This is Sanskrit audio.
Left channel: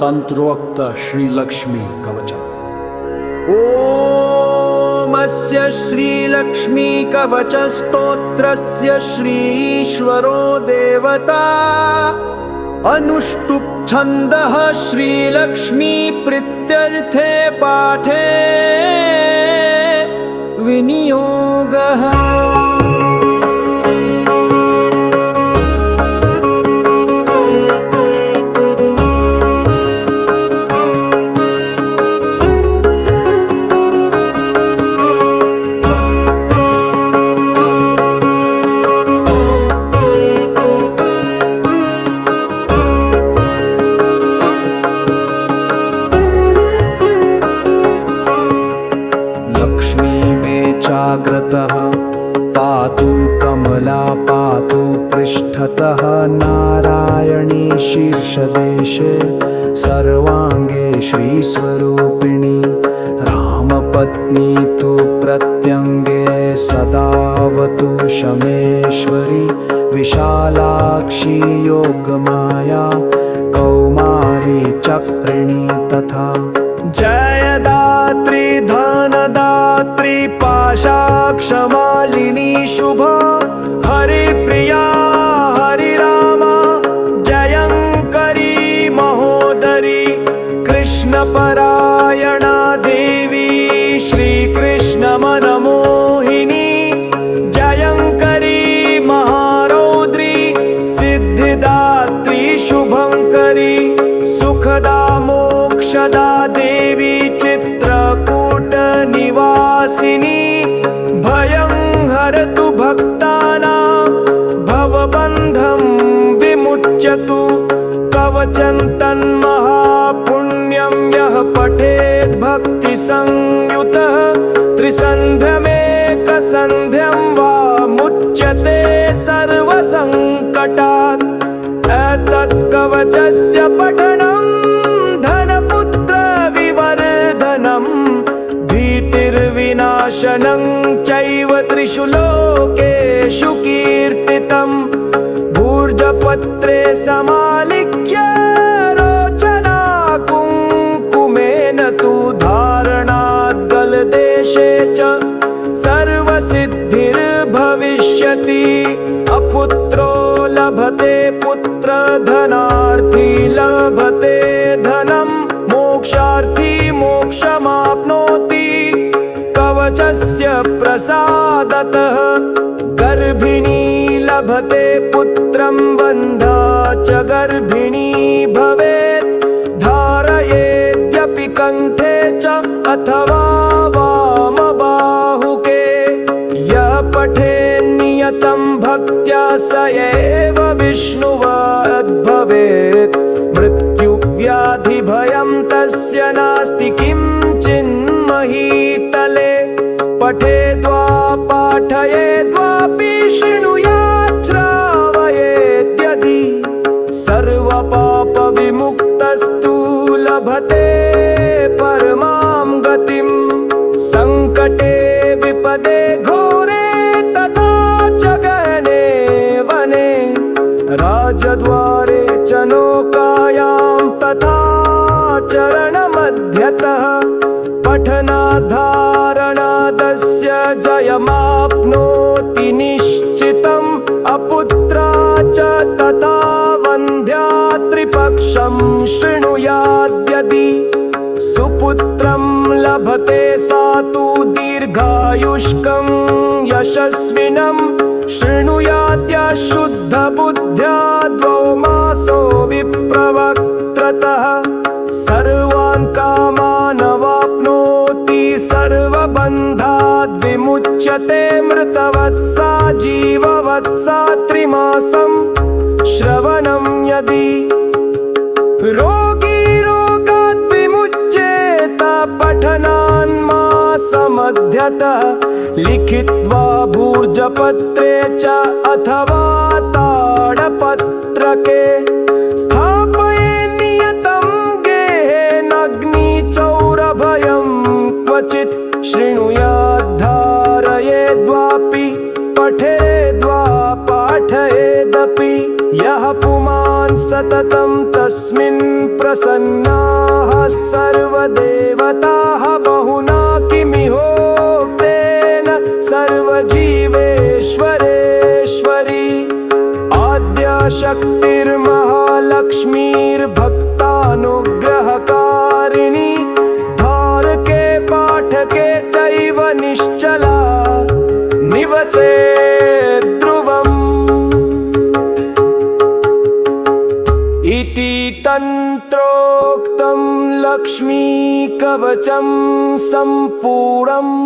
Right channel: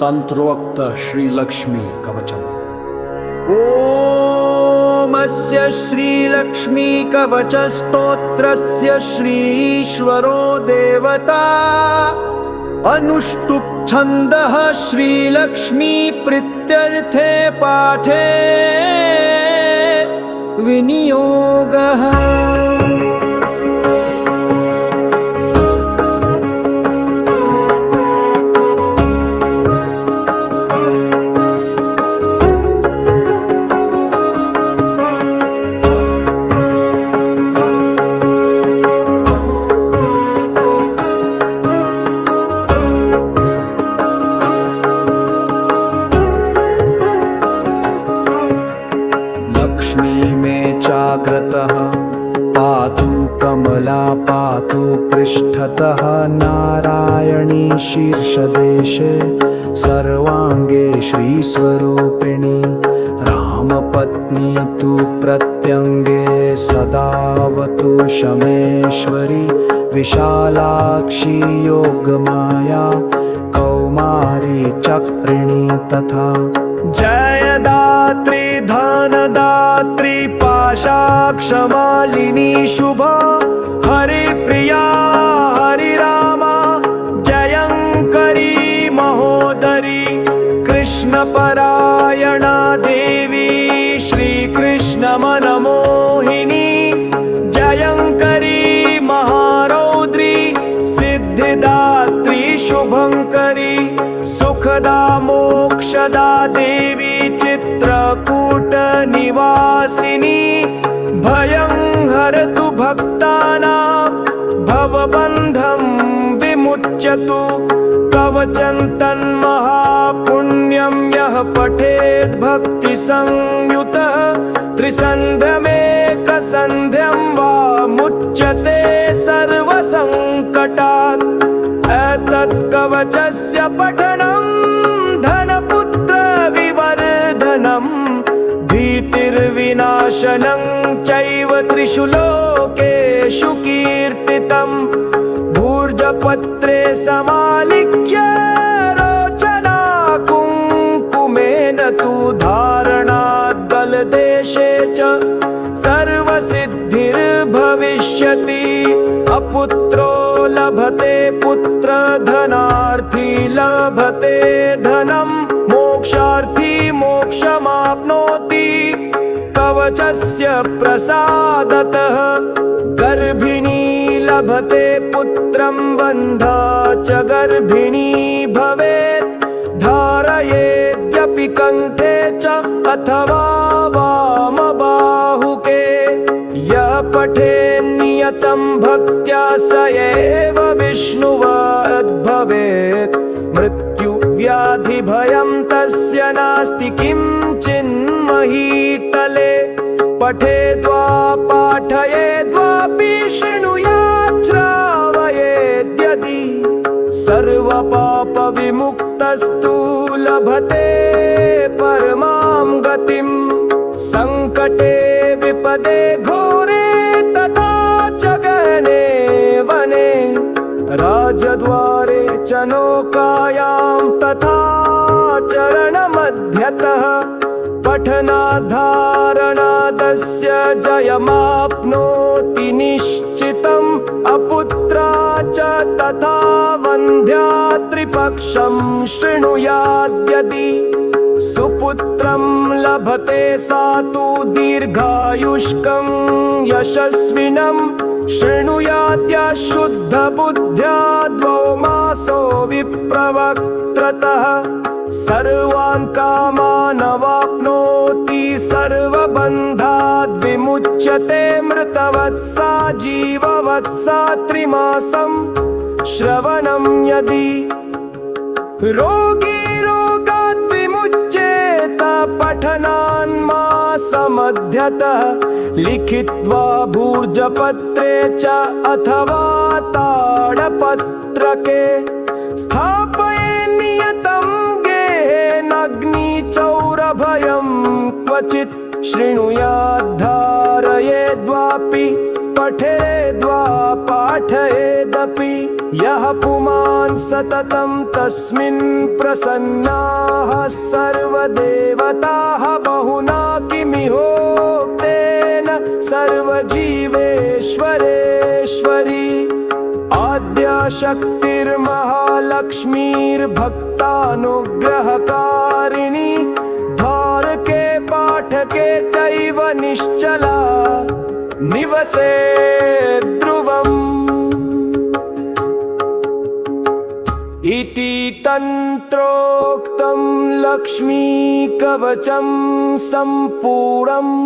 तंत्रोक्त श्रीलक्ष्मी कवचम्। ओमस्य श्रीलक्ष्मी कवचस्तोत्रस्य श्रीईश्वरो देवता अनुष्टुप् छन्दः श्रीलक्ष्मी प्रीत्यर्थे पाठे विनियोगः। लक्ष्मी मे चाग्रतः पातु कमला पातु पृष्ठतः नारायणी शीर्षदेशे सर्वांगे श्रीस्वरूपिणी रामपत्नी तु प्रत्यंगे सदावतु शमेश्वरी विशालाक्षी योगमाया कौमारी चक्रिणी तथा जयदात्री धनदात्री पाशाक्षमालिनी शुभा हरिप्रिया हरिरामा जयंकरी महोदरी कृष्णपरायणा देवी श्रीकृष्णमनमोहिनी जयंकरी महारौद्री सिद्धिदात्री शुभंकरी सुखदा मोक्षदा देवी चित्रकूट निवासिनी भयं हरतु भक्तानां भवबन्धं विमुच्यतु कवचं तन्महापुण्यं यः पठेत् भक्तिसंयुतः त्रिसन्ध्यमेकसन्ध्यं वा मुच्यते सर्वसङ्कटात्। एतत् कवचस्य पठनं धनपुत्र विवर्धनं भीतिर्विनाशनं चैव त्रिषु लोकेषु कीर्तितं भूर्जपत्रे समालिख्य रोचना कुङ्कुमेन तु धारणात् गलदेशे च सर्वसिद्धिर्भविष्यति। अपुत्रो लभते पुत्र धनार्थी लभते धनं मोक्षार्थी मोक्षमाप्नोति कवचस्य प्रसादतः। गर्भिणी लभते पुत्रं बन्धा च गर्भिणी भवेत् धारयेद्यपि कण्ठे च अथवा वामबाहुके यः पठेन्नियतं भक्त्या स एव विष्णुवद्भवेत् मृत्युव्याधिभयं तस्य नास्ति किंचिन्महीतले पठेद्वा पाठयेद्वापि शृणुयात् श्रावयेद्यदि सर्वपापविमुक्तस्तु लभते परमां गतिं संकटे विपदे घोरे तथा च गहने वने राजद्वारे च नौकायां तथा चरणमध्यतः पठनाधारणादस्य जयमाप्नोति निश्चितम् अपुत्रा च तथा वन्ध्या त्रिपक्षं शृणुयाद्यदि सुपुत्रं लभते सा तु दीर्घायुष्कं यशस्विनं शृणुयाद्य शुद्धबुद्ध्या द्वौ मासो विप्रवक्त्रतः सर्वान् कामानवाप्नोति सर्वबन्धाद् विमुच्यते मृतवत्सा जीववत्सा त्रिमासं श्रवणं यदि रोगी रोगात् विमुच्येत पठनान्मासमध्यतः लिखित्वा भूर्जपत्रे च अथवा ताडपत्रके स्थापये नियतं गेहेनाग्निचौरभयं क्वचित् शृणुयाद्धारयेद्वापि पठेद्वा पाठयेदपि यः पुमान् सततं तस्मिन् प्रसन्नाः सर्वदेवताः बहुना किमिहोक्तेन सर्वजीवेश्वरेश्वरी आद्याशक्तिर्महालक्ष्मीर्भक्तानुग्रहकारिणी धारके पाठके चैव निश्चला निवसे ध्रुवम् इति तन्त्रोक्तं लक्ष्मीकवचं सम्पूर्णम्।